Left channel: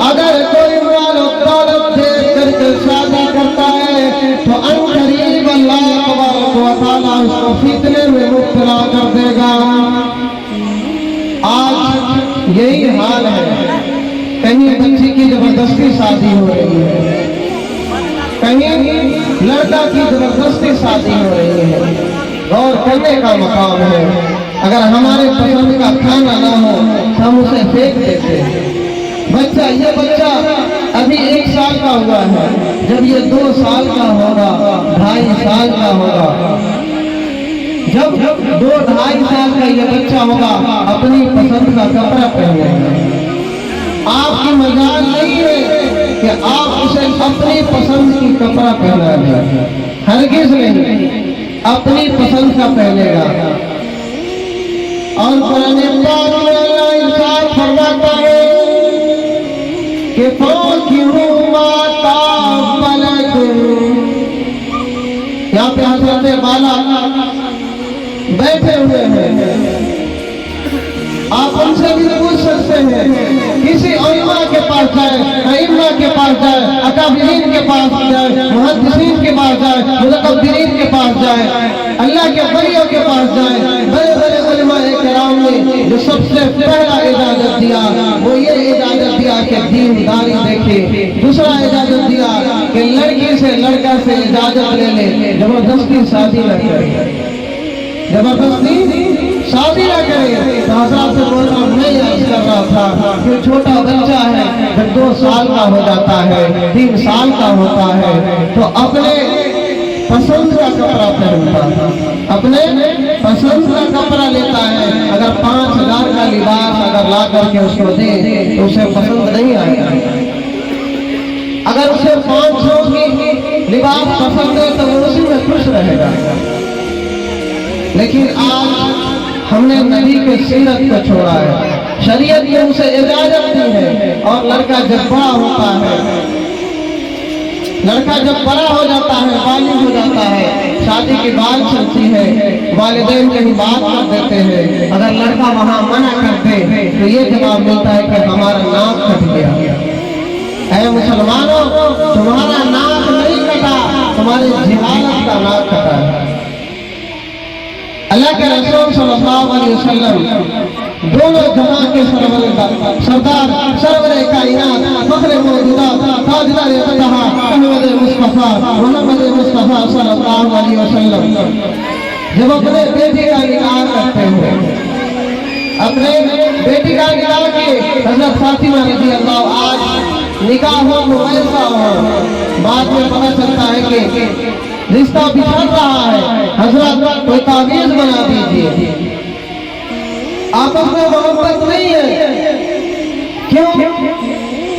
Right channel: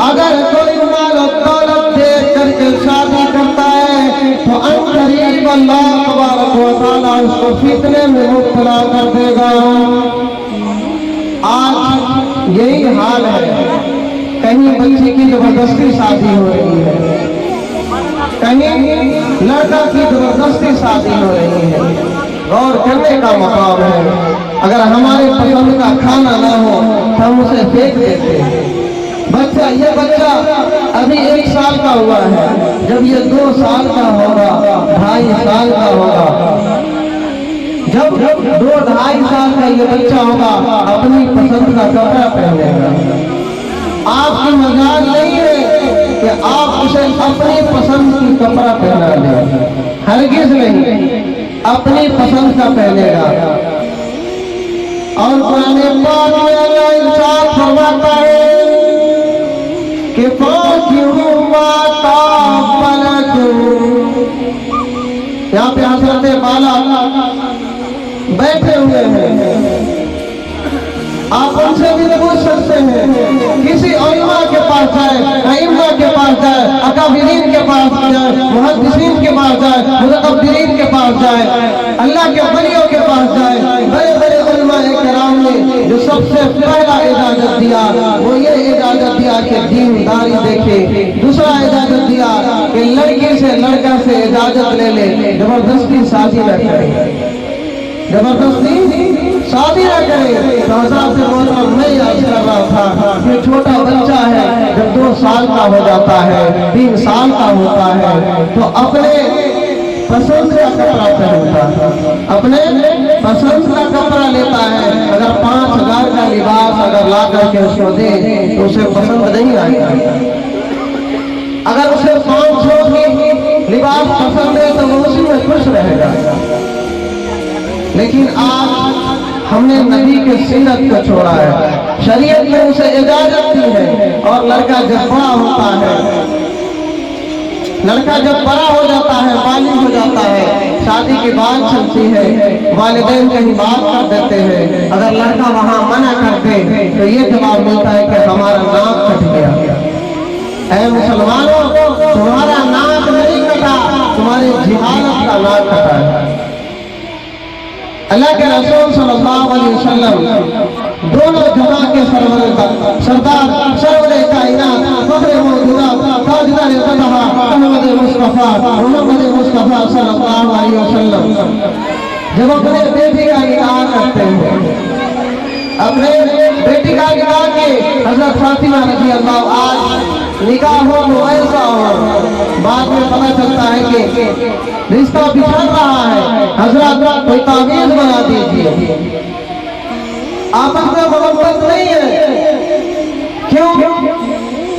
اگر کوئی مال و دولت دے کر کے شادی کرتا ہے تو عنقریب اللہ تبارک و تعالیٰ اس کو فتنے میں مبتلا کر دے گا۔ آج یہی حال ہے، کہیں بچی کی زبردستی شادی ہو رہی ہے، کہیں لڑکا کی زبردستی شادی ہو رہی ہے۔ غور کرنے کا مقام ہے، اگر ہمارے پسند کا کھانا نہ ہو ہم اسے پھینک دیتے ہیں۔ یہ بچہ ابھی 1 سال کا ہوا ہے، جب یہ 2 سال کا ہوگا، 2.5 سال کا ہوگا، جب 2-2.5 سال کا یہ بچہ ہوگا اپنی پسند کا کپڑا پہنے گا۔ آپ کی مجال نہیں ہے کہ آپ اسے اپنی پسند کی کپڑا پہنا دیں، ہرگز نہیں، اپنی پسند کا پہنے گا۔ اور قرآن پاک میں اللہ ارشاد فرماتا ہے کہ فَانكِحُوا مَا طَابَ لَكُمْ۔ یہاں پہ حضرت بالا بیٹھے ہوئے ہیں، آپ ان سے بھی پوچھ سکتے ہیں، کسی علماء کے پاس جائے، ائمہ کے پاس جائے، اکابرین کے پاس جائے، محدثین کے پاس جائے، متکبرین کے پاس جائے، اللہ کے ولیوں کے پاس جائے، بڑے بڑے علماء کرام نے جو سب سے پہلا اجازت دیا وہ یہ اجازت دیا کہ دینداری دیکھے، دوسرا اجازت دیا کہ لڑکی سے لڑکا سے اجازت لے لے، زبردستی شادی نہ کرے، زبردستی شادی نہ کرے۔ تو حضرات سے بولتا میں یاد کر رہا تھا کہ چھوٹا بچہ ہے جب 2 سال کا ہو جاتا ہے، 3 سال کا ہوتا ہے تو اپنے پسند کا کپڑا پہنتا ہے، اپنے پسند کا کپڑا لیتا ہے۔ اگر 5,000 کا لباس اگر لا کر کے اس کو دے تو اسے پسند نہیں آئے گا۔ اگر اسے 500 کی لباس پسند ہے تو وہ اسی میں خوش رہے گا۔ لیکن آج ہم نے نبی کے سیرت کو چھوڑا ہے، شریعت نے اسے اجازت دی ہے، اور لڑکا جب بڑا ہوتا ہے، لڑکا جب بڑا ہو جاتا ہے، بالغ ہو جاتا ہے، شادی کی بات چلتی ہے، والدین کہیں بات کر دیتے ہیں، اگر لڑکا وہاں منع کرتے تو یہ جواب ملتا ہے کہ ہمارا ناک کٹ گیا۔ اے مسلمانوں، تمہارا ناک نہیں کٹا، تمہاری جہالت کا ناک کٹا ہے۔ اللہ کے رسول صلی اللہ علیہ وسلم دونوں جہاں کے سردار، سرور کائنات، فخر موجودات، تاجدار فتح، محمد مصطفیٰ صلی اللہ علیہ وسلم جب اپنے بیٹی کا نکاح کرتے ہیں، اپنے بیٹی کا نکاح کی حضرت فاطمہ رضی اللہ، آج نکاح ہو مویسا ہو، بعد میں پتہ چلتا ہے کہ رشتہ بچھڑ رہا ہے، حضرت کوئی تعویذ بنا دیجیے، آپس میں محبت نہیں ہے، کیوں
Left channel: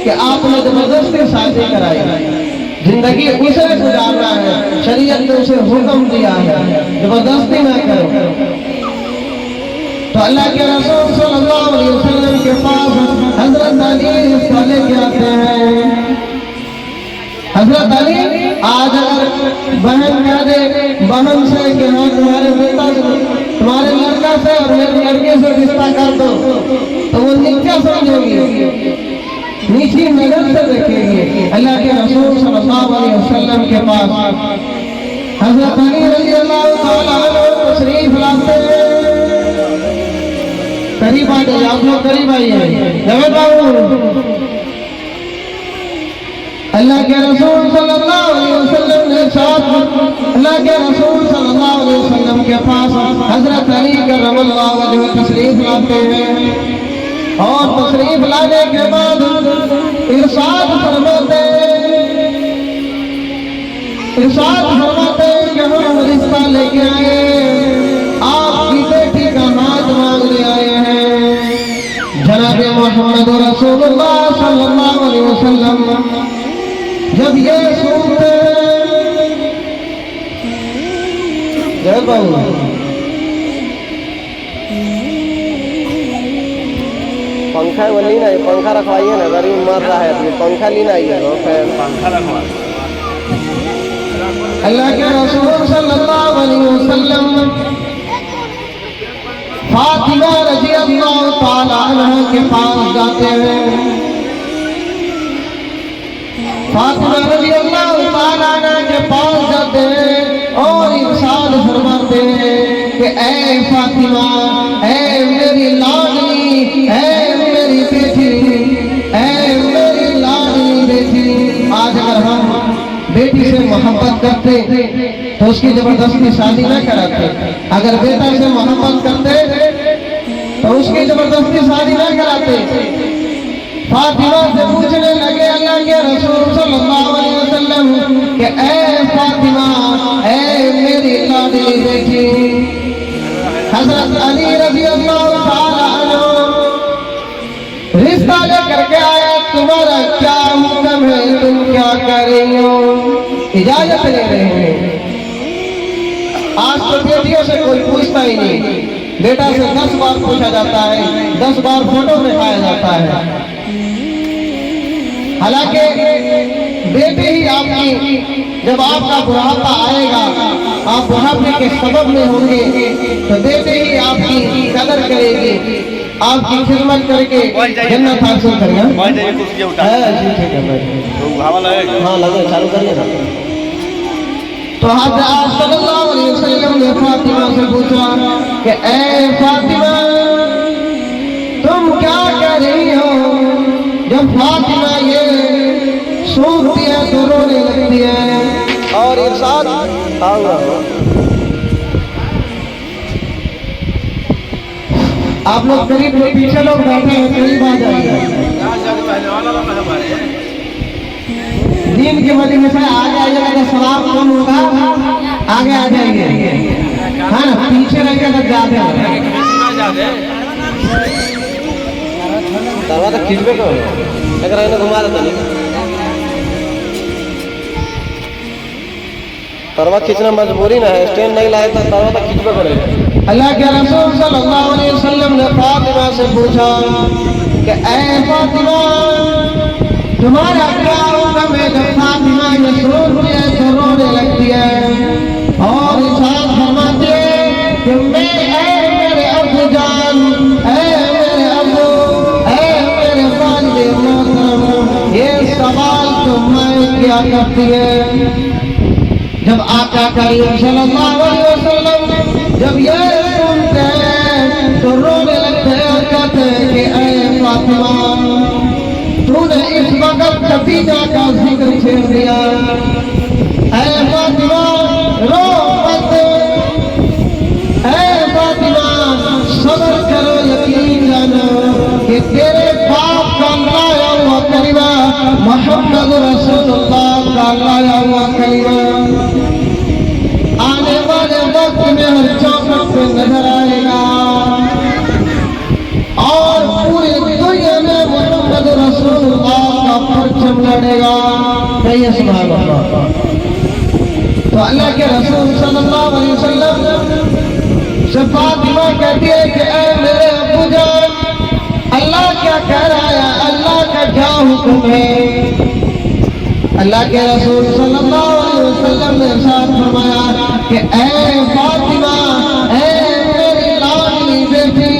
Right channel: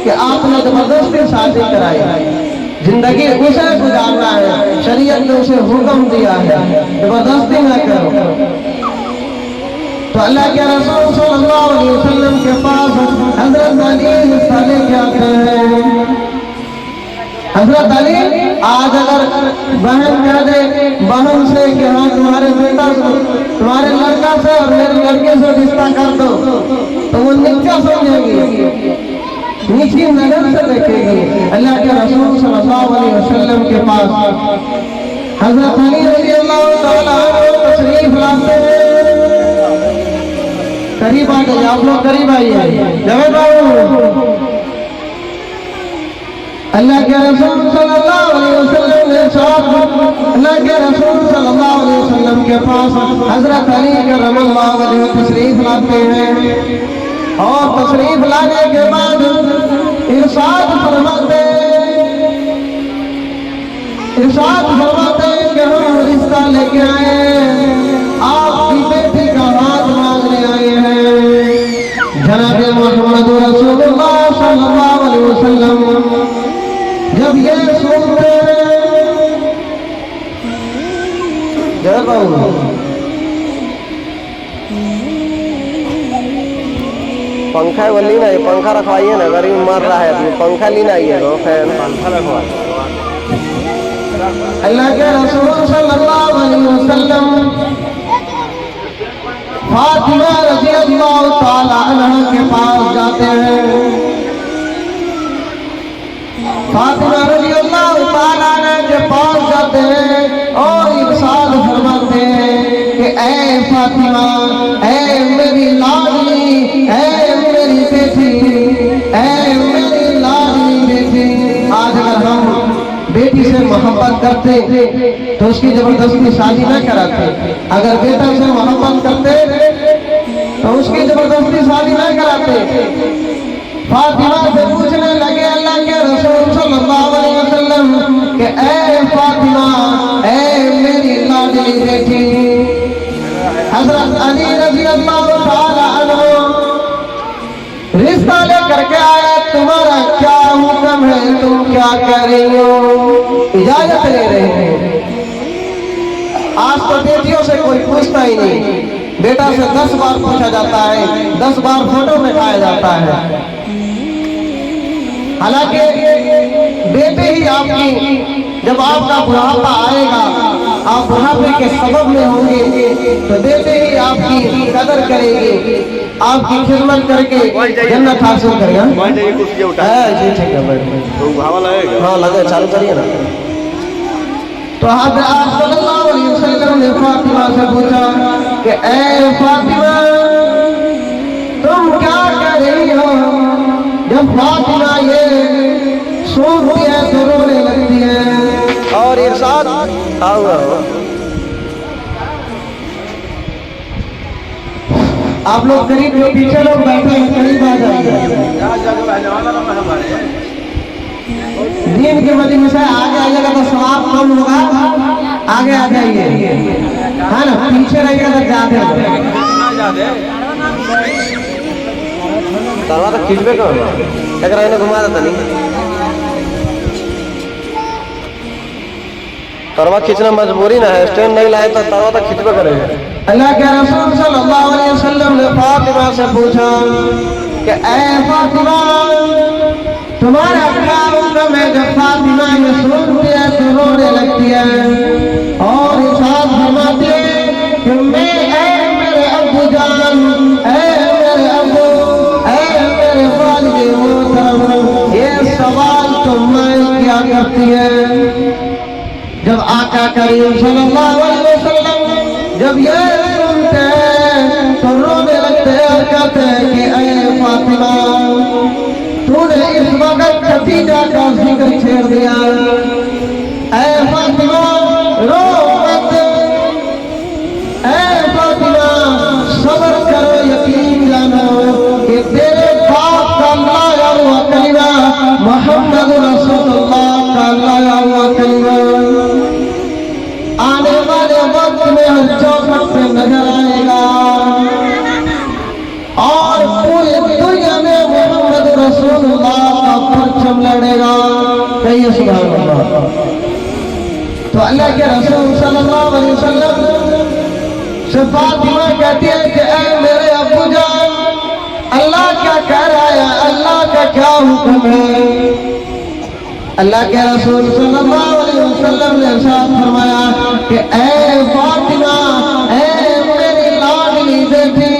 کہ آپ نے زبردستی شادی کرائی، زندگی اسے گزارنا ہے، شریعت نے اسے حکم دیا ہے زبردستی نہ کرو۔ تو اللہ کے رسول صلی اللہ علیہ وسلم کے پاس حضرت علی صالح کے آتے ہیں۔ حضرت علی آج اگر بہن کہہ دے بہن سے کہ ہاں تمہارے بیٹا تمہارے لڑکا سے اور میرے لڑکے سے رشتہ کر دو تو وہ نیچا سمجھے گی، نیچی نظر سے دیکھے گی۔ اللہ کے رسول صلی اللہ علیہ وسلم کے پاس حضرت علی رضی اللہ تعالیٰ عنہ تشریف لاتے ہیں۔ قریب آ گئے، آپ لوگ قریب آئیے، جواب آؤ۔ اللہ کے رسول صلی اللہ علیہ وسلم کے ساتھ، اللہ کے رسول صلی اللہ علیہ وسلم کے پاس حضرت علی کرم اللہ وجہہ تشریف لاتے ہیں، اور تشریف لانے کے بعد ارشاد فرماتے ہیں کہ ہم رشتہ لے کے آئے ہیں، آپ کی بیٹی کا ہاتھ مانگنے آئے ہیں۔ جناب محمد رسول اللہ صلی اللہ علیہ وسلم جب یہ سنتے پنکھا وہ لینا ہے، پنکھا رکھوائیے نا، غریب مر رہا ہے، پنکھا لینا ہی ہے وہ فین۔ اللہ کے رسول صلی اللہ علیہ وسلم فاطمہ رضی اللہ تعالی عنہ کے پاس جاتے ہیں، اے فاطمہ، اے میری لاڈلی، اے میری بیٹی، اے میری لاڈلی بیٹی۔ آج اگر ہم بیٹی سے محبت کرتے تو اس کی زبردستی شادی نہ کراتے، اگر بیٹا سے محبت کرتے تو اس کی زبردستی شادی نہ کراتے۔ فاطمہ سے پوچھنے لگے اللہ کے رسول صلی اللہ علیہ وسلم کہ اے فاطمہ، اے میری لاڈلی بیٹی، حضرت علی رضی اللہ تعالی عنہ رشتہ لے کر کے آئے، تمہارا کیا حکم ہے، تم کیا کر رہی ہو، اجازت لے رہے ہیں۔ آج تو بیٹیوں سے کوئی پوچھتا ہی نہیں، بیٹا سے 10 بار پوچھا جاتا ہے، 10 بار فوٹو دکھایا جاتا ہے۔ حالانکہ بیٹے ہی آپ کی، جب آپ کا بڑھاپا آئے گا، آپ بڑھاپے کے سبب میں ہوں گے، تو بیٹے ہی آپ کی قدر کرے گے، آپ کی خدمت کر کے جنت حاصل کرے گا۔ جی ٹھیک ہے، ہاں لگے، چالو کریے نا۔ تو حضرت صلی اللہ علیہ وسلم نے فاطمہ سے پوچھا کہ اے فاطمہ، تم کیا کر رہی ہو؟ جب فاطمہ یہ سنتی ہے تو رونے لگتی ہے۔ اور ارشاد آپ لوگ قریب کے پیچھے لوگ بیٹھے ہیں، قریب آ جائیے۔ دین کی مجلس سے آگے آئیے گا تو ثواب کم ہوگا، آگے آ جائیے، ہاں نا، پیچھے رہیے گا تو جاتے ہیں۔ تلوا تو کھینچ بے کرو، لیکن رہنے گھما دیتا نہیں، تلوا کھینچنا مجبوری نہ ہے، اسٹینڈ نہیں لائے تو تلوا تو کھینچ بے کرے گا۔ اللہ کے رسول صلی اللہ علیہ وسلم نے فاطمہ سے پوچھا کہ اے فاطمہ، تمہارا کیا حکم ہے؟ جب فاطمہ یہ سنتی ہے تو رونے لگتی ہے اور ارشاد فرماتی ہے کہ میں، اے میرے ابو جان، اے میرے ابو، اے میرے والد محترم، یہ سوال تو میں کیا کرتی ہے؟ جب آقا کریم صلی اللہ علیہ وسلم جب یہ سنتے ہیں تو رونے لگتے ہیں اور کہتے ہیں کہ اے فاطمہ، تو نے اس وقت خدیجہ کا ذکر چھیڑ دیا، اے فاطمہ رو مت، اے فاطمہ صبر کرو، یقین جانو کہ تیرے باپ کا لایا ہوا کلمہ محمد رسول اللہ کا لایا ہوا کلمہ آنے والے وقت میں ہر چوکھٹ پہ نظر آئے گا اور پوری دنیا میں محمد رسول اللہ کا پرچم لڑے گا۔ کہیے سبحان اللہ۔ تو اللہ کے رسول صلی اللہ علیہ وسلم سے فاطمہ کہتی ہے کہ اے میرے ابو جان، اللہ کیا کہہ رہا ہے، اللہ کا کیا حکم ہے؟ اللہ کے رسول صلی اللہ علیہ وسلم نے ارشاد فرمایا کہ اے فاطمہ، اے میری لاڈلی بیٹی،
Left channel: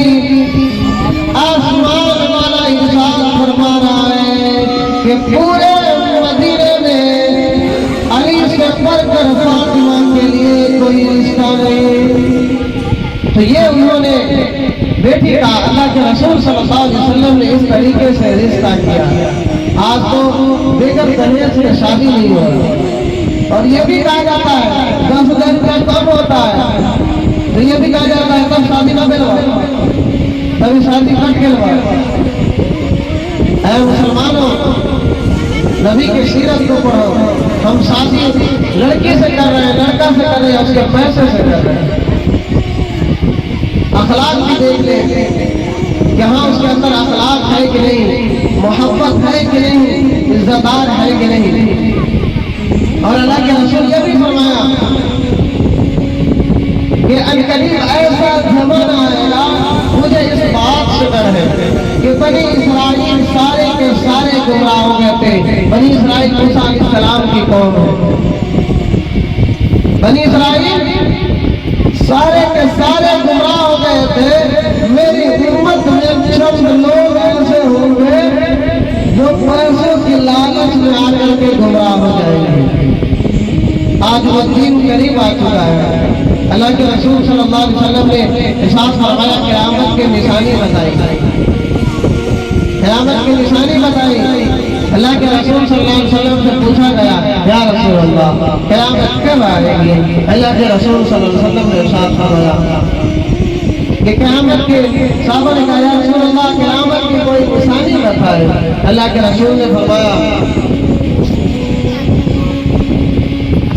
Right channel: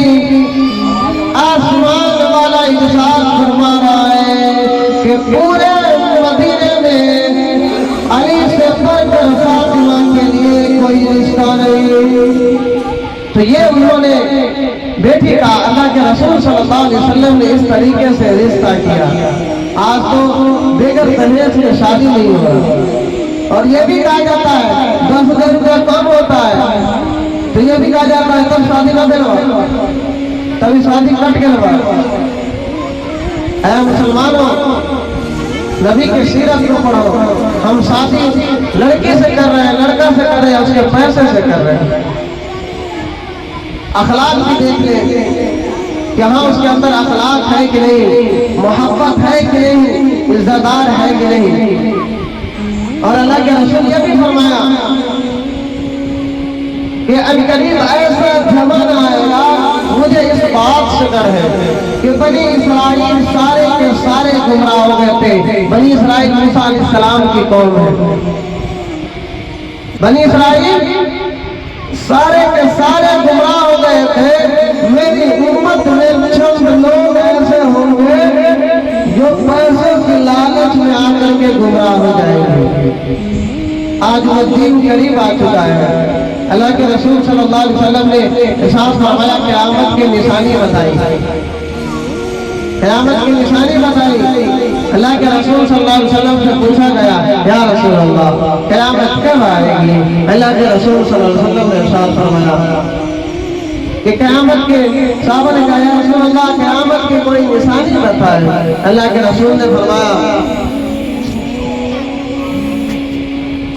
آسمان والا ارشاد فرما رہا ہے کہ پورے مدینے میں علی سے بڑھ کر فاطمہ کے لیے کوئی رشتہ نہیں۔ تو یہ انہوں نے بیٹی کا اللہ کے رسول صلی اللہ علیہ وسلم نے اس طریقے سے رشتہ کیا۔ آج تو دیگر دہیج میں شادی نہیں ہو رہا، اور یہ بھی کہا جاتا ہے 10,000 روپیہ کم ہوتا ہے، تو یہ بھی کہا جاتا ہے تب شادی نہ بنوا، تبھی شادی کٹ کے لگا۔ اے مسلمانوں، نبی کی سیرت کو پڑھو۔ ہم شادی لڑکی سے کر رہے ہیں، لڑکا سے کر رہے ہیں، اس کے پیسے سے کر رہے ہیں۔ اخلاق بھی دیکھ لیں کہ ہاں اس کے اندر اخلاق ہے کہ نہیں، محبت ہے کہ نہیں، عزت دار ہے کہ نہیں۔ اور اللہ کے رسول یہ بھی فرمایا کہ عنقریب ایسا زمانہ آئے گا، مجھے اس بات سے ڈر ہے کہ بنی اسرائیل سارے کے سارے گمراہ ہو گئے تھے۔ بنی اسرائیل موسیٰ علیہ السلام کی قوم ہے۔ بنی اسرائیل سارے کے سارے گمراہ ہو گئے تھے، میری امت میں چند لوگ ایسے ہوں گے جو پیسے کی لالچ میں آ کر کے گمراہ ہو جائیں گے۔ آج وہ دین قریب آ چکا ہے۔ اللہ کے رسول صلی اللہ علیہ وسلم نے ارشاد فرمایا قیامت کی نشانی بتائی، قیامت کی نشانی بتائی۔ اللہ کے رسول صلی اللہ علیہ وسلم سے پوچھا گیا یا رسول اللہ قیامت کب آئے گی؟ اللہ کے رسول صلی اللہ علیہ وسلم نے ارشاد فرمایا کہ قیامت کے، صحابہ نے کہا یا رسول اللہ قیامت کی کوئی نشانی بتائے۔ اللہ کے رسول نے فرمایا،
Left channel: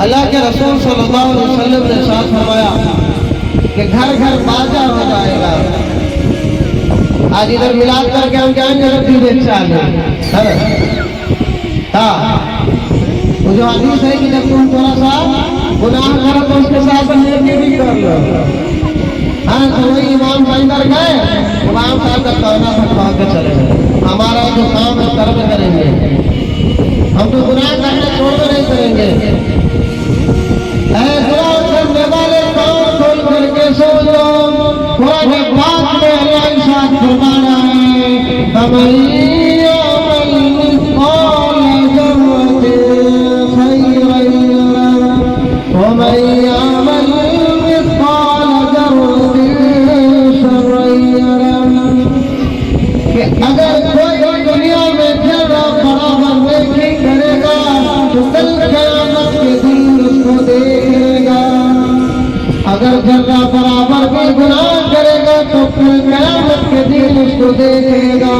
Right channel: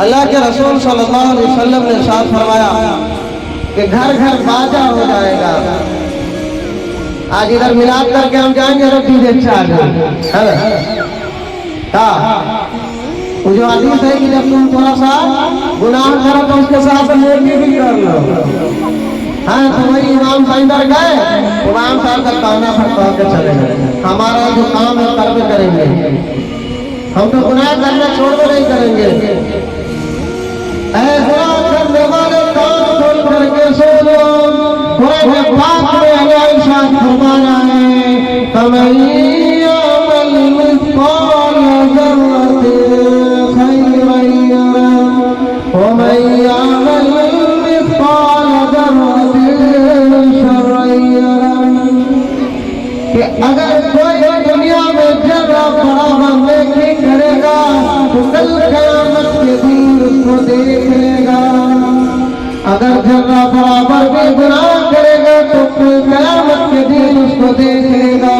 اللہ کے رسول صلی اللہ علیہ وسلم نے ارشاد فرمایا کہ گھر گھر باجا ہو جائے گا۔ آج ادھر ملاد کر کے ہم جائیں گے تو ڈیجے چالے، ہاں وہ جو حدیث ہے کہ جب تم تھوڑا سا گناہ کرو تو اس کے ساتھ نیکی بھی کر لو۔ ہاں تو وہی امام صاحب اندر گئے، امام صاحب کا کہنا تھکوا کے چلے گئے، ہمارا جو کام ہے کرتے کریں گے، ہم تو گناہ کرنا چھوڑ کے نہیں کریں گے۔ اے گناہ کرنے والے کام کھول کر کے سو لو، قرآن پاک میں اللہ ارشاد فرمایا ہے فَمَن يَعْمَلْ مِثْقَالَ ذَرَّةٍ خَيْرًا يَرَهُ وَمَن يَعْمَلْ مِثْقَالَ ذَرَّةٍ شَرًّا يَرَهُ۔ کہ اگر کوئی دنیا میں ذرہ برابر نیکی کرے گا تو کل قیامت کے دن اس کو دیکھے گا، اگر ذرہ برابر بھی گناہ کرے گا تو کل قیامت کے دن اس کو دیکھے گا۔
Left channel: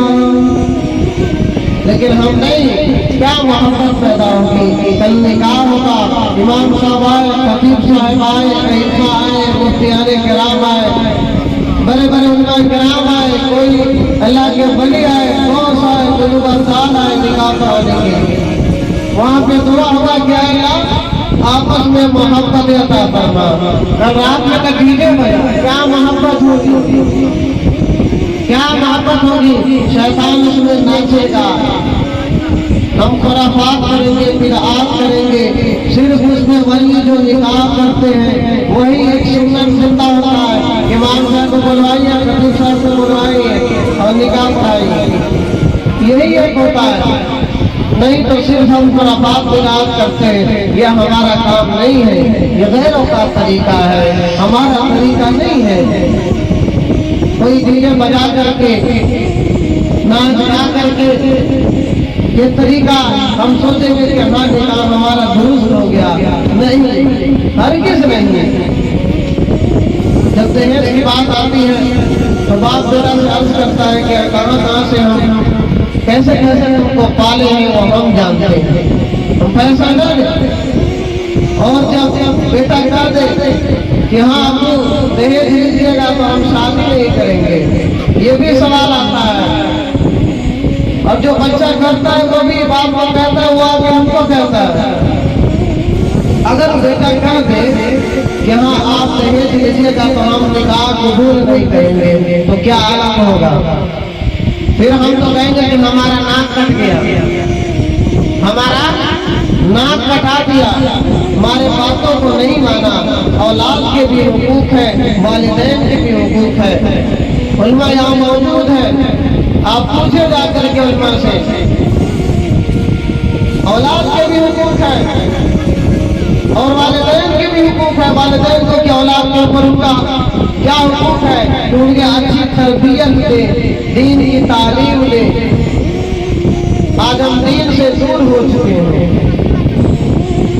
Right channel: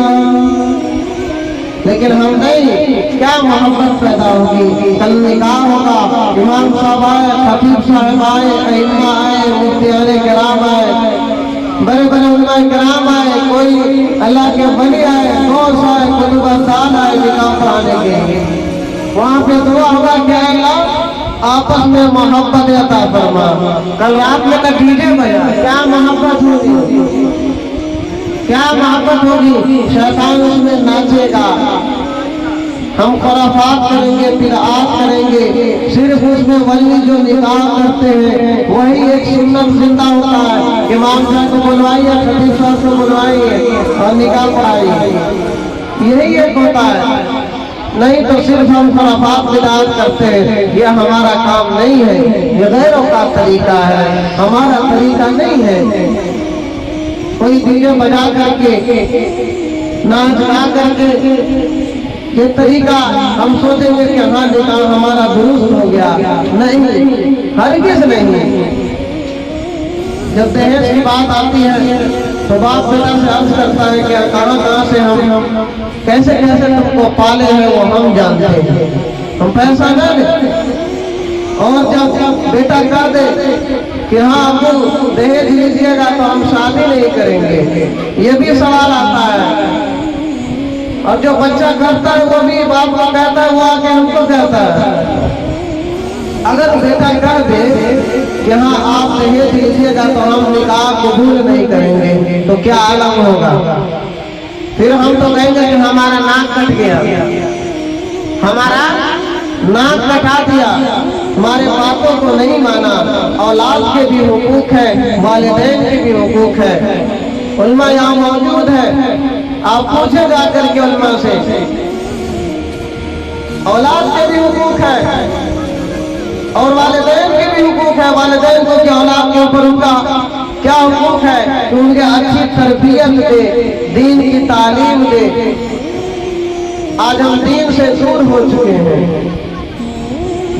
لیکن ہم نہیں، کیا محبت پیدا ہوگی؟ کل نکاح ہوگا، امام صاحب آئے، خطیب صاحب آئے، ائمہ آئے، مفتیان کرام آئے، بڑے بڑے علماء کرام آئے، کوئی اللہ کے ولی آئے، غوث آئے، قطب آستان آئے نکاح پڑھانے کے لیے۔ وہاں پہ دعا ہوگا کہ اے اللہ آپس میں محبت عطا فرما۔ کل رات میں تک ڈیجے بجا، کیا محبت ہوگی؟ کیا محبت ہوگی؟ شیطان اس میں ناچے گا، ہم خرافات کریں گے، بدعات کریں گے، صرف اس میں ولی جو نکاح کرتے ہیں وہی ایک سنت زندہ ہوتا ہے، امام صاحب کو بلوائیے، خطیب صاحب کو بلوائیے اور نکاح پڑھائیے، یہی ایک ہوتا ہے۔ نہیں تو صرف ہم خرافات بدعات کرتے ہیں، یہ ہمارا کام نہیں ہے، یہ غیروں کا طریقہ ہے، ہمارا طریقہ نہیں ہے۔ کوئی ڈیجے بجا کر کے، ناچ گا کر کے یہ طریقہ ہم سوچیں گے کہ ہاں نکاح ہمارا درست ہو گیا، نہیں، ہرگز نہیں۔ جب دہیج کی بات آتی ہے تو باپ بیٹا سے عرض کرتا ہے کہ کہاں سے ہم کیسے کیسے تم کو پالے ہیں وہ ہم جانتے ہیں، ہم پیسہ نہ دیں۔ اور جب بیٹا کر دے کہ ہاں ابو دہیج لیجیے گا تو ہم شادی نہیں کریں گے، یہ بھی سوال آتا ہے۔ اور جو بچہ کرتا ہے وہ بھی باپ کو کہتا ہے، وہ آگے ہم کو کہتا ہے۔ اگر بیٹا کر دے کہ ہاں آپ دہیج لیجیے گا تو ہم نکاح قبول نہیں کریں گے تو کیا عالم ہوگا؟ پھر ہم تو کہیں گے کہ ہمارا ناک کٹ گیا، ہمارا ناک کٹا دیا، ہمارے باتوں کو نہیں مانا۔ اولاد کے بھی حقوق ہیں، والدین کے بھی حقوق ہیں، علماء یہاں موجود ہیں، آپ پوچھے جا کر کے علماء سے، اولاد کے بھی حقوق ہیں اور والدین کے بھی حقوق ہیں۔ والدین کو کہ اولاد کے اوپر ان کا کیا حقوق ہے کہ ان کے اچھی تربیت دے، دین کی تعلیم دے۔ آج ہم دین سے دور ہو چکے ہیں،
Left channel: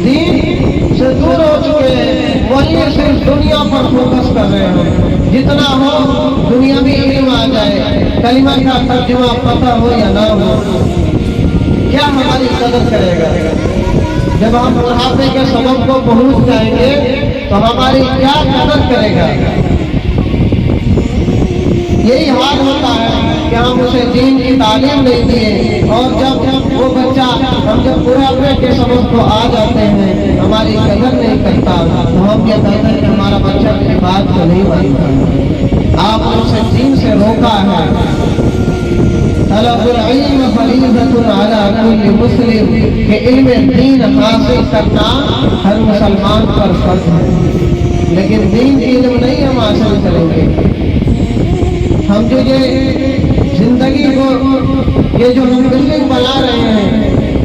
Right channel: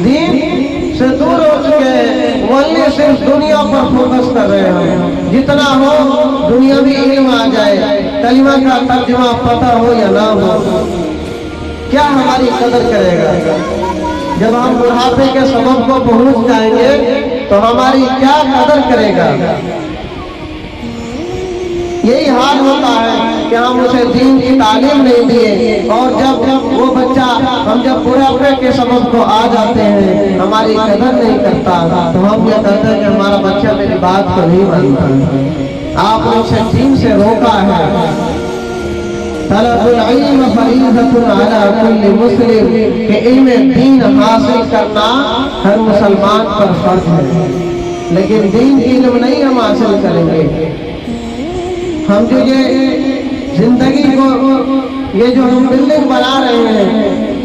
دین سے دور ہو چکے ہیں، ولی صرف دنیا پر فوکس کر رہے ہیں، جتنا ہو دنیاوی علم آ جائے، کلمہ کا ترجمہ پتہ ہو یا نہ ہو، کیا ہماری قدر کرے گا؟ جب ہم بڑھاپے کے سبب کو پہنچ جائیں گے تو ہماری کیا قدر کرے گا؟ یہی حال ہوتا ہے کہ ہم اسے دین کی تعلیم نہیں دیے، اور جب وہ بچہ ہم جب بڑھاپے کے سبب کو آ جاتے ہیں ہماری قدر نہیں کرتا تو ہم یہ کہتے ہیں کہ ہمارا بچہ میری بات کو نہیں مانتا۔ آپ نے اسے دین سے روکا ہے۔ طلب العلم فریضۃ علی کل مسلم، کہ علم دین حاصل کرنا ہر مسلمان پر فرض ہے، لیکن دین کی علم نہیں ہم حاصل کریں گے۔ ہم جو یہ زندگی کو، یہ جو ہم بلڈنگ بنا رہے ہیں،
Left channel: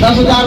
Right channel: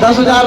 10,000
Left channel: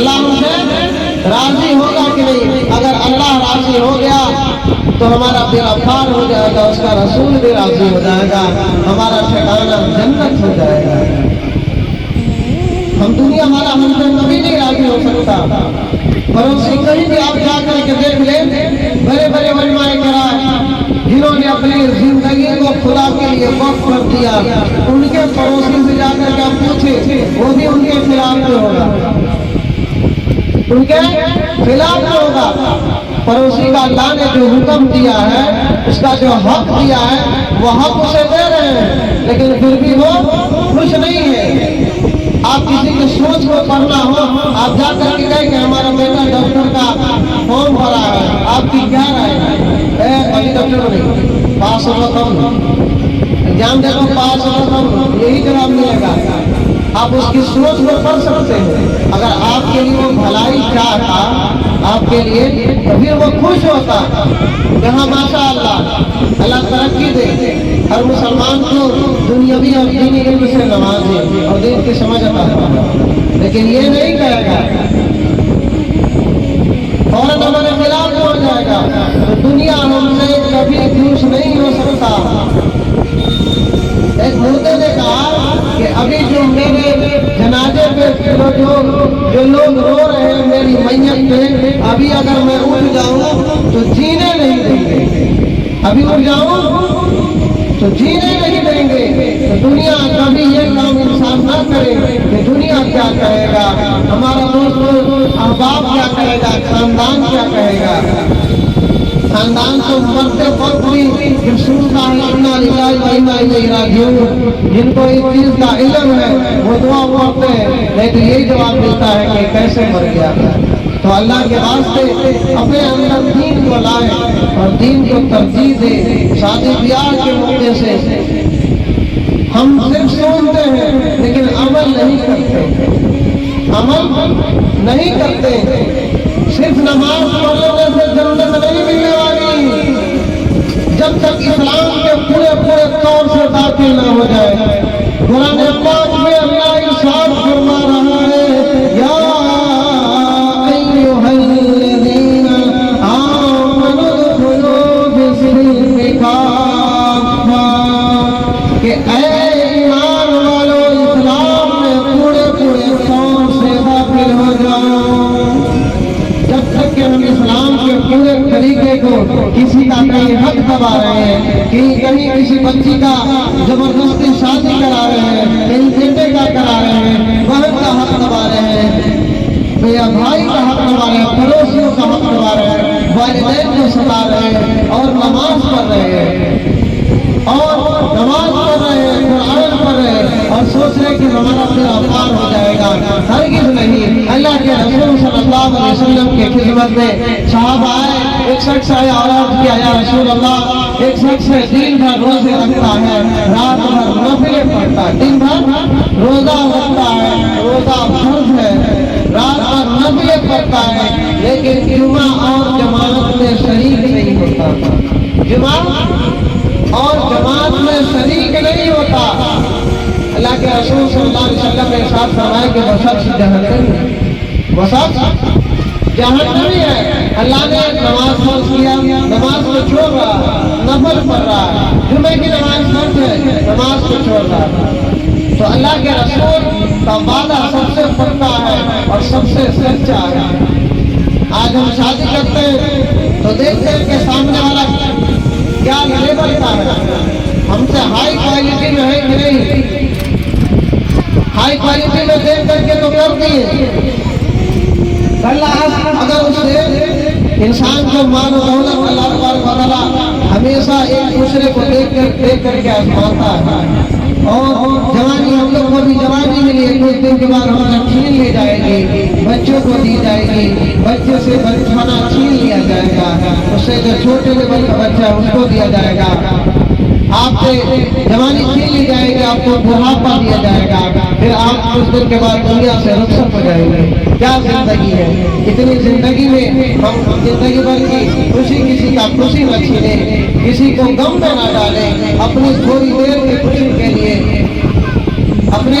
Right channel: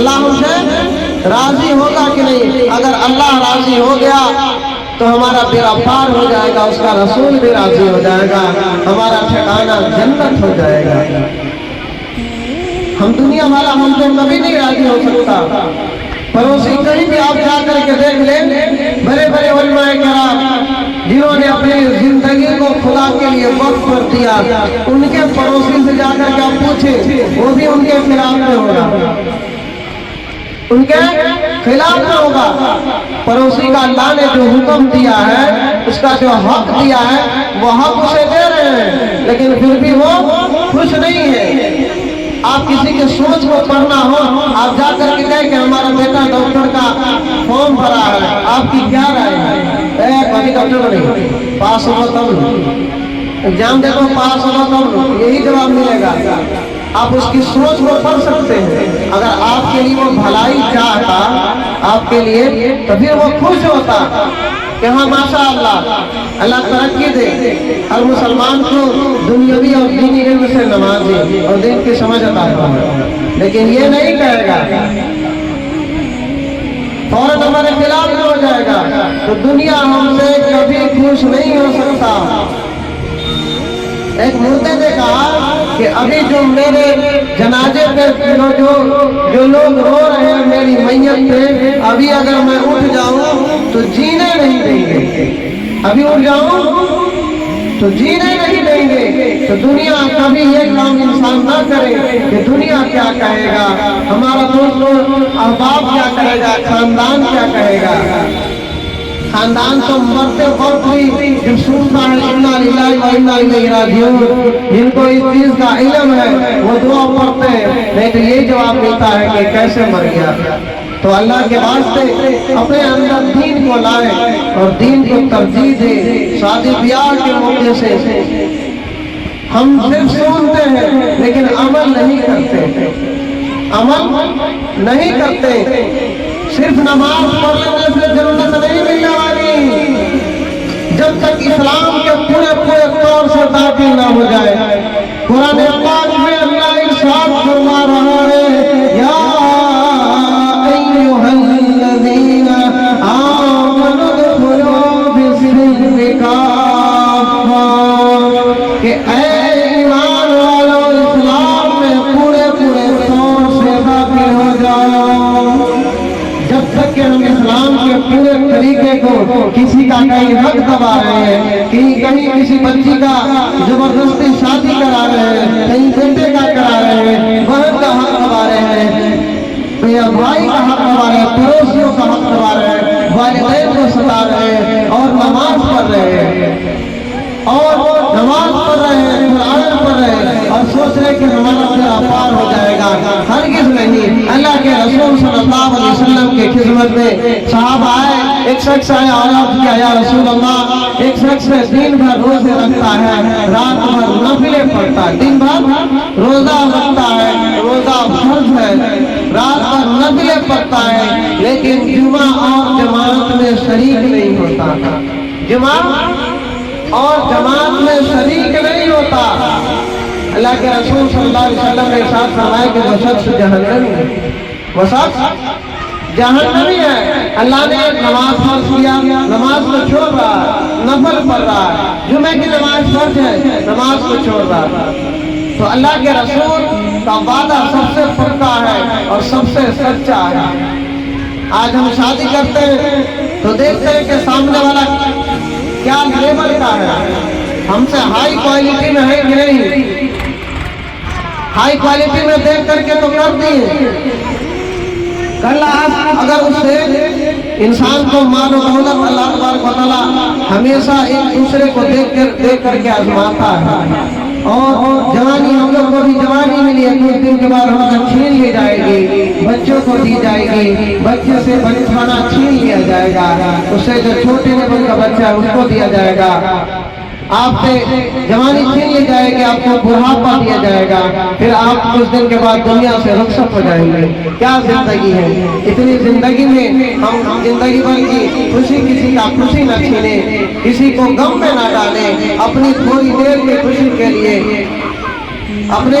اللہ ہم سے راضی ہوگا کہ نہیں؟ اگر اللہ راضی ہو گیا تو ہمارا بیڑا پار ہو جائے گا، اس کا رسول بھی راضی ہو جائے گا، ہمارا ٹھکانہ جنت ہو جائے گا۔ ہم دنیا والا ہم سے کبھی نہیں راضی ہو سکتا۔ پڑوسی کہیں بھی آپ جا کر کے دیکھ لیں، بڑے بڑے علماء کرام جنہوں نے اپنی زندگی کو خدا کے لیے وقف کر دیا، ان کے پڑوسی سے جا کر کے آپ پوچھیں، وہ بھی ان کے خلاف میں ہوگا، ان کے خلاف میں ہوگا۔ پڑوسی کا اللہ نے جو حکم دیا ہے، اس کا جو حق دیا ہے، وہ حق اسے دے رہے ہیں، لیکن پھر بھی وہ خوش نہیں ہے۔ آپ کسی کے سوچ کو پڑھنا ہو، آپ جا کر کے کہیں کہ ہمارا بیٹا ڈاکٹر کا فارم بھرا ہے، آپ کی کیا رائے ہے؟ کوئی ڈاکٹر نہیں، پاس ہو تب ایگزام دے دو، پاس ہو تب یہی جواب ملے گا۔ آپ اس کی سوچ کو پڑھ سکتے ہیں۔ اگر آپ کے لیے وہ بھلائی چاہتا آپ کے لیے، تو پھر وہ خوش ہوتا کہ ہاں ماشاء اللہ، اللہ ترقی دے، ہر مسلمان کو دنیاوی اور دینی علم سے نوازے اور دین کی سمجھ عطا فرمائے۔ لیکن یہ نہیں کہے گا، فوراً ہمارے خلاف میں ہو جائے گا، تو دنیا ہم سے کبھی خوش نہیں ہو سکتا۔ ایک مردے نے کہا کہ ابھی جو میرے جنازے پہ جو لوگ رو رہے ہیں میری میت پہ، ابھی اگر میں اٹھ جاؤں تو جینے نہیں دیں گے، ابھی اٹھ جاؤں تو جینے نہیں دیں گے۔ تو دنیا کبھی یہ کام انسان نہ کرے کہ دنیا کیا کہے گا، ہمارا دوست احباب کیا کہے گا، خاندان کیا کہے گا۔ خاندان تو مرتے وقت بھی جن سنتا ہے انا للہ و انا الیہ راجعون، جن کو اس چیز کا علم ہے وہ دعا پڑھتے ہیں، نہیں تو یہ جواب ملتا ہے کہ کیسے مر گیا۔ تو اللہ کے واسطے اپنے اندر دین کو لائے اور دین کو ترجیح دے۔ شادی بیاہ کے موقع سے ہم صرف سنتے ہیں لیکن عمل نہیں کرتے، عمل نہیں کرتے۔ صرف نماز پڑھ لینے سے جنت نہیں ملنے والی، جب تک اسلام کے پورے طور سے داخل نہ ہو جائے۔ قرآن پاک میں اللہ ارشاد فرما رہا ہے، یا ایھا الذین آمنوا ادخلوا فی السلم کافہ، کہ اے ایمان والو اسلام میں پورے طور سے داخل ہو جاؤ۔ جب تک کہ ہم اسلام کے پورے طریقے کو کسی کا کہیں حق دبا رہے ہیں، کہیں کسی بچی کا زبردستی شادی کرا رہے ہیں، کہیں بیٹے کا کرا رہے ہیں، بہن کا حق دبا رہے ہیں، بھائی کا حق دبا رہے ہیں، پڑوسیوں کا حق دبا رہے ہیں، والدین کو ستا رہے ہیں، اور نماز پڑھ رہے ہیں، قرآن پڑھ رہے ہیں، اور سوچ رہے کہ ہمارا بیڑا پار ہو جائے گا۔ ہرگز نہیں۔ اللہ کے رسول صلی اللہ علیہ وسلم کے خدمت میں صحابہ آئے، ایک شخص آیا اور عرض کیا، یا رسول اللہ، ایک شخص دن بھر روزے رکھتا ہے، رات بھر نفلیں پڑھتا ہے، دن بھر روزہ رکھتا ہے، روزہ فرض ہے، رات بھر نفلیں پڑھتا ہے، لیکن جمعہ اور جماعت میں شریک نہیں ہوتا، جمعہ اور جماعت میں شریک نہیں ہوتا۔ اللہ کے رسول صلی اللہ علیہ وسلم نے ارشاد فرمایا کہ وہ شخص جہنمی ہے، وہ شخص جہنمی ہے۔ اللہ نے نماز فرض کیا، نماز کو چھوڑ رہا، نفل پڑھ رہا، جمعے کی نماز فرض ہے، نماز کو چھوڑ رہا۔ تو اللہ کے رسول کا وعدہ سب سے پکا ہے اور سب سے سچا ہے۔ آج ہم شادی کرتے ہیں تو دیکھتے ہیں کہ سامنے والا کیا لیول کا ہے، ہم سے ہائی کوالٹی میں ہے کہ نہیں۔ ہائی کوالٹی میں دیکھ کر کے تو کر دیے، کل اگر اس سے انسان کو مال و دولت اللہ تبارک و تعالیٰ ہمیشہ ایک دوسرے کو دیکھ کر کے آزماتا ہے، اور جوانی ہم لوگ کو بھی جوانی ملی ہے، کچھ دن کے بعد ہمارا چھین لی جائے گی، بچوں کو دی جائے گی، بچے سے بچپنا چھین لیا جائے گا، اس سے جو چھوٹے لیول کا بچہ ہے اس کو دیا جائے گا، آپ سے جوانی چھین لی جائے گی، آپ کو بڑھاپا دیا جائے گا، پھر آپ کچھ دن کے بعد دنیا سے رخصت ہو جائیں گے۔ کیا زندگی ہے؟ اتنی زندگی میں ہم زندگی بھر کی خوشی کسی کا خوشی نہ چھینیں، کسی کو غم میں نہ ڈالیں، اپنی تھوڑی دیر کی خوشی کے لیے اپنے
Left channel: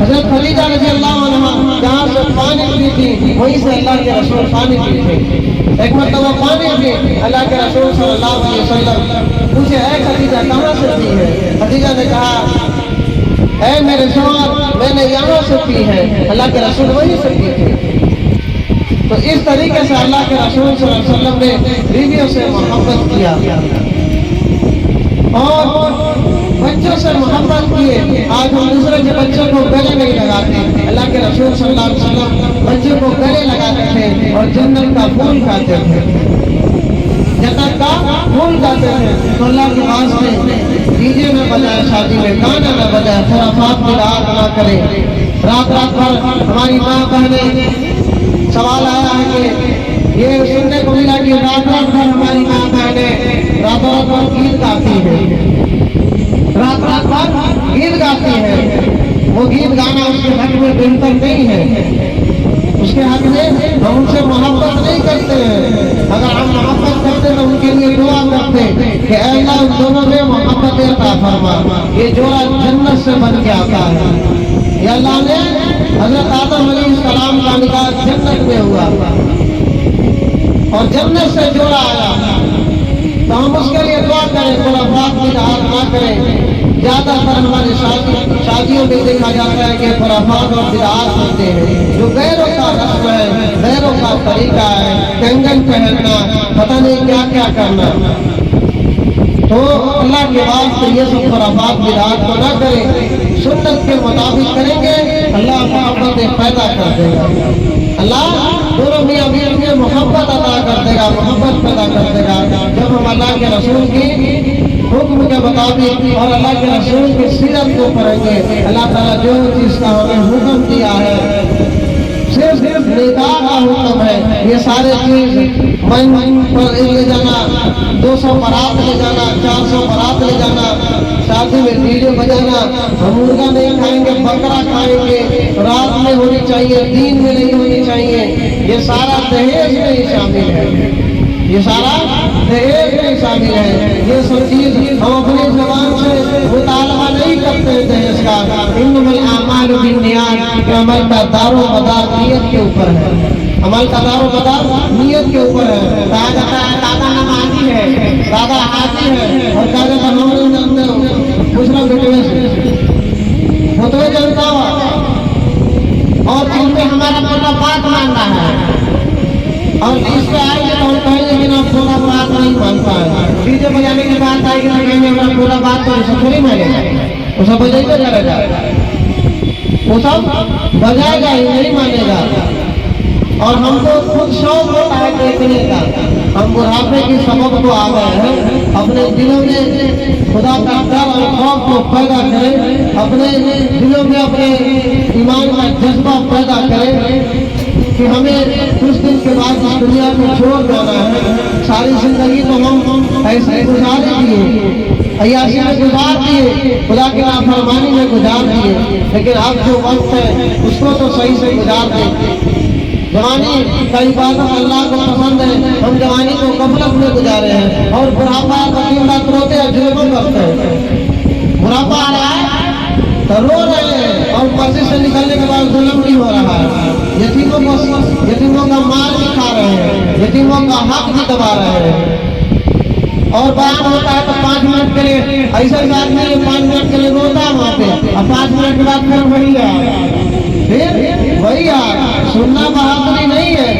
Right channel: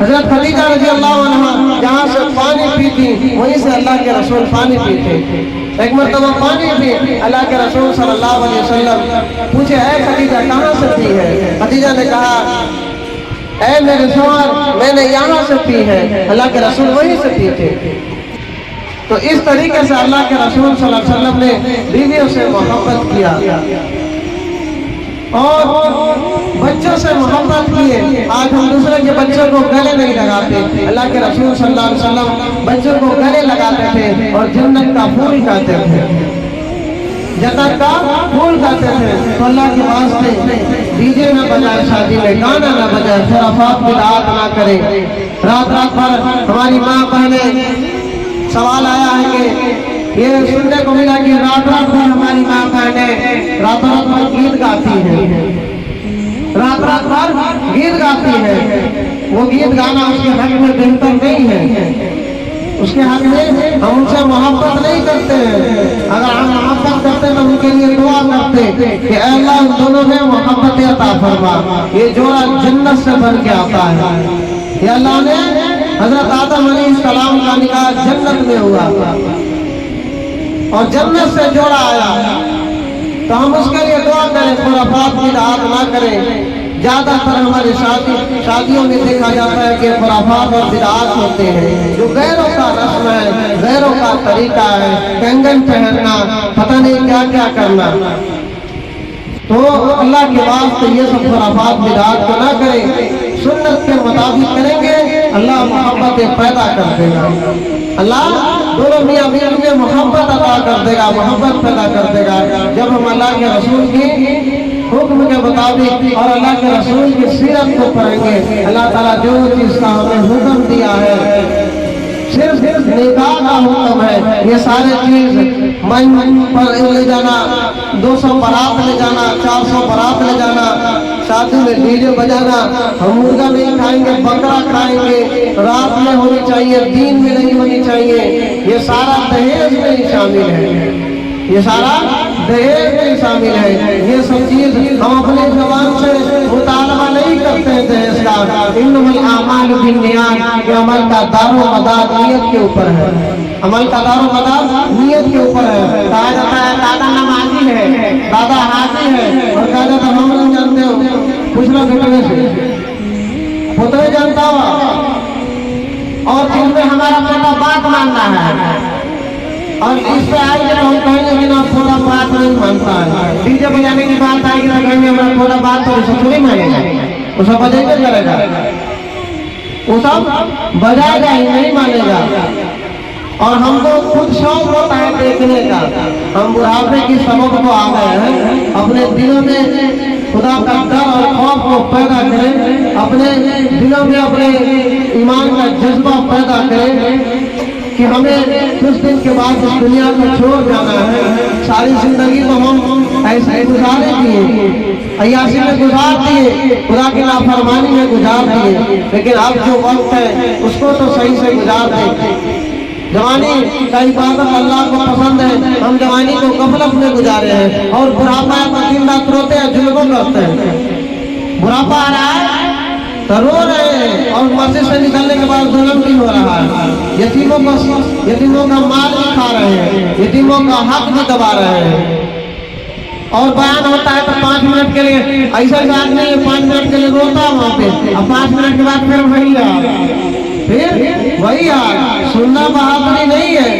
حضرت خدیجہ رضی اللہ عنہ جہاں سے پانی پیتی وہیں سے اللہ کے رسول پانی پیتے. ایک مرتبہ پانی پی اللہ کے رسول صلی اللہ علیہ وسلم پوچھے اے خدیجہ کہاں سے پی ہے؟ خدیجہ نے کہا اے میرے شوہر میں نے یہاں سے پی ہے. اللہ کے رسول وہیں سے پیتے. تو اس طریقے سے اللہ کے رسول صلی اللہ علیہ وسلم نے بیویوں سے محبت کیا اور بچوں سے محبت کیے. آج ہم دوسرے کے بچوں کو گلے نہیں لگاتے. اللہ کے رسول صلی اللہ علیہ وسلم بچوں کو گلے لگاتے تھے اور جنت کا پھول کھاتے تھے. جنت کا پھول کھاتے تھے. تو اللہ کے واسطے ڈی جے نہ بجائے, شادی میں گانا نہ بجائے, خرافات بدعات نہ کرے. رات رات بھر ہماری ماں بہنیں سوال آیا ہے کہ یہ سننے کو ملا کہ رات رات بھر ہماری ماں بہنیں رات رات بھر گیت گاتی ہے, رات رات بھر گیت گاتی ہے. وہ گیت گانا اس کے حق میں بہتر نہیں ہے. اس کے حق میں ہم ان سے محبت نہیں کرتے ہیں. اگر ہم محبت کرتے تو ان کے لیے دعا کرتے کہ اے اللہ ان دونوں میں محبت عطا فرما. یہ جوڑا جنت سے بن کے آتا ہے. یہ اللہ نے حضرت آدم علیہ السلام کا نکاح جنت میں ہوا اور جنت سے جوڑا آیا. تو ہم اس کے لیے دعا کریں, خرافات بدعات نہ کریں. زیادہ تر ہماری شادیوں میں دیکھا جاتا ہے کہ خرافات اور بدعات ہوتے ہیں جو غیروں کا رسم ہے, غیروں کا طریقہ ہے, کنگن پہننا, پتہ نہیں کیا کیا کرنا. تو اللہ کے واسطے یہ سب خرافات بدعات کو نہ کریں. سنت کے مطابق کریں گے اللہ محبت پیدا کر دے گا. اللہ دونوں میاں بیوی میں محبت عطا کر دے گا, محبت پیدا کر دے گا. جب ہم اللہ کے رسول کی حکم کے مطابق اور اللہ کے رسول کی سیرت کو پڑھیں گے, اللہ تعالیٰ جو چیز کا ہمیں حکم دیا ہے صرف نکاح کا حکم ہے. یہ سارے چیز مہمان پر لے جانا, 200 بارات لے جانا, 400 بارات لے جانا, شادی میں ڈی جے بجانا, ہم مرغا نہیں کھائیں گے بکرا کھائیں گے, رات میں ہونی چاہیے دین میں نہیں ہونی چاہیے, یہ سارا دہیج میں ہی شامل ہے. یہ سارا دہیج میں شامل ہے. یہ سب چیز ہم اپنی زبان سے مطالبہ نہیں کرتے ہیں دہیج کا. انما الاعمال بالنیات, کہ عمل کا دار و مدار نیت کے اوپر ہے. عمل کا دار و مدار نیت کے اوپر ہے. کہا جاتا ہے دادا نمازی ہے, دادا حاجی ہے, اور کہا جاتا ہم نہیں جانتے ہو کچھ نہ گھٹنے سے خطبے جانتا ہوا اور ان میں ہمارا بیٹا بات ماننا ہے. اور اس پہ آئیں گے تو ہم کہیں گے کہ نا پورا بات نہیں مانتا ہے. ڈی جے بجانے کی بات آئے گی تو کہیں گے ہمارا پورا بات تو اسے تھوڑی مانے گا, اسے بجے پہ کرے گا, وہ سب بجائے گا ہی نہیں مانے گا. اور ہم کو خود شوق ہوتا ہے دیکھنے کا. ہم بڑھاپے کی سبب کو آ گئے ہیں. اپنے دلوں میں خدا کا ڈر اور خوف کو پیدا کریں, اپنے دلوں میں اپنے ایمان کا جذبہ پیدا کریں کہ ہمیں کچھ دن کے بعد اس دنیا کو چھوڑ جانا ہے. ساری زندگی تو ہم ایسے گزارے دیے, عیاشی میں گزار دیے, خدا کی نافرمانی میں گزار دیے, لیکن اب جو وقت ہے اس کو تو صحیح سے گزار دیں. جوانی کا عبادت اللہ کو پسند ہے, ہم جوانی کو غفلت میں گزارے ہیں اور بڑھاپا ہے تو دن رات روتے ہیں, ظلم کرتے ہیں. بڑھاپا آ رہا ہے تو رو رہے ہیں اور مسجد سے نکلنے کے بعد ظلم بھی ہو رہا ہے. یتیموں کا مال بھی کھا رہے ہیں, یتیموں کا حق بھی دبا رہے ہیں. اور بیان ہوتا ہے تو 5 منٹ کے لیے ایسا آدمی 5 منٹ کے لیے روتا ہے وہاں پہ, اب 5 منٹ کے بعد پھر وہی وہی سننا بہادری نہیں ہے.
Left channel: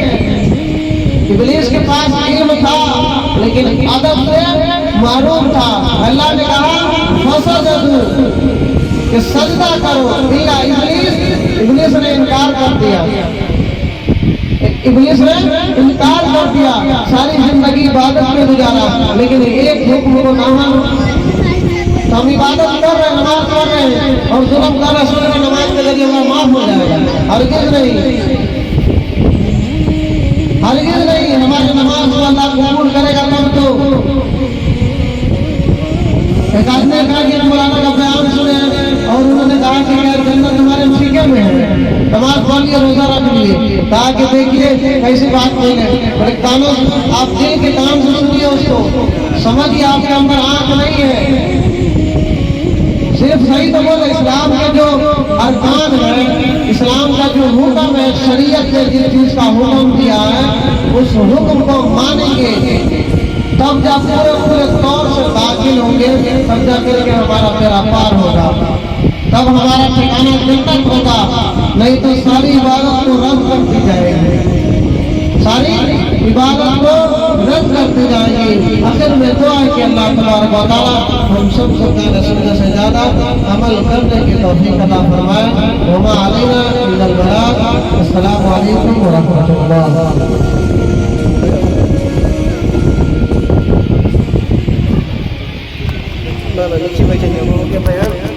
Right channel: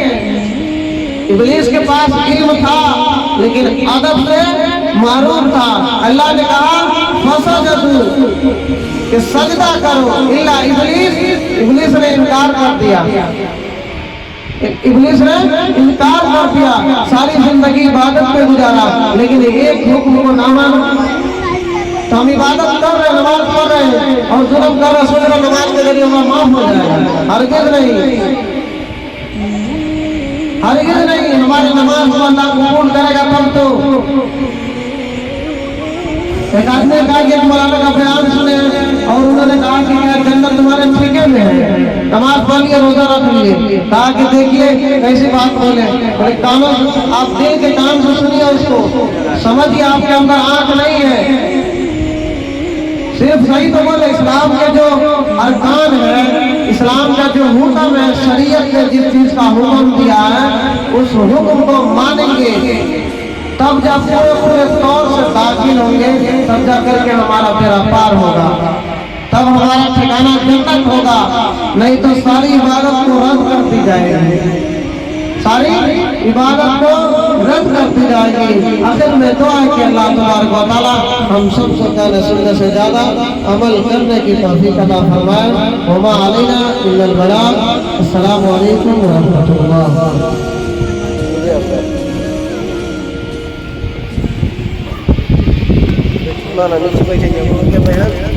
ابلیس کے پاس علم تھا لیکن ادب سے محروم تھا. اللہ نے کہا فسجدوا کہ سجدہ کرو الا ابلیس نے انکار کر دیا. ابلیس نے انکار کر دیا, ساری زندگی عبادت میں گزارا لیکن ایک حکم کو نہ مانا. تو ہم عبادت کر رہے ہیں, نماز پڑھ رہے ہیں اور ظلم کر رہے ہیں, سوچ رہے نماز کے ذریعے اللہ معاف ہو جائے گا. ہرگز نہیں, ہرگز نہیں. ہماری نماز کو اللہ قبول کرے گا تب تو. ایک آدمی نے کہا کہ مولانا کا بیان سنے اور انہوں نے کہا کہ کیا جنت تمہارے ٹھیکے میں ہے, نماز پڑھ لیے, روزہ رکھ لیے. کہا کہ دیکھیے کیسی بات بولے, بڑے کانوں آپ دل کے کان سے سنیے, اس کو سمجھیے. آپ کے اندر آنکھ نہیں ہے, صرف صحیح تو بولے اسلام کے جو ارکان ہے، اسلام کا جو حکم ہے، شریعت نے جس چیز کا حکم دیا ہے اس حکم کو مانیں گے، تب جب پورے طور سے داخل ہوں گے، تب جا کر کے ہمارا بیڑا پار ہوگا، تب ہمارا ٹھکانہ جنت ہوگا، نہیں تو ساری عبادت کو رد کر دی جائے گی، ساری عبادت کو رد کر دی جائے گی۔ آخر میں دعا ہے کہ اللہ تبارک و تعالی ہم سب سے پہلے سننے سے زیادہ عمل کرنے کی توفیق عطا فرمائے۔ وما علینا الا البلاغ۔ السلام علیکم ورحمۃ اللہ۔ Mana ni semua jenis orang yang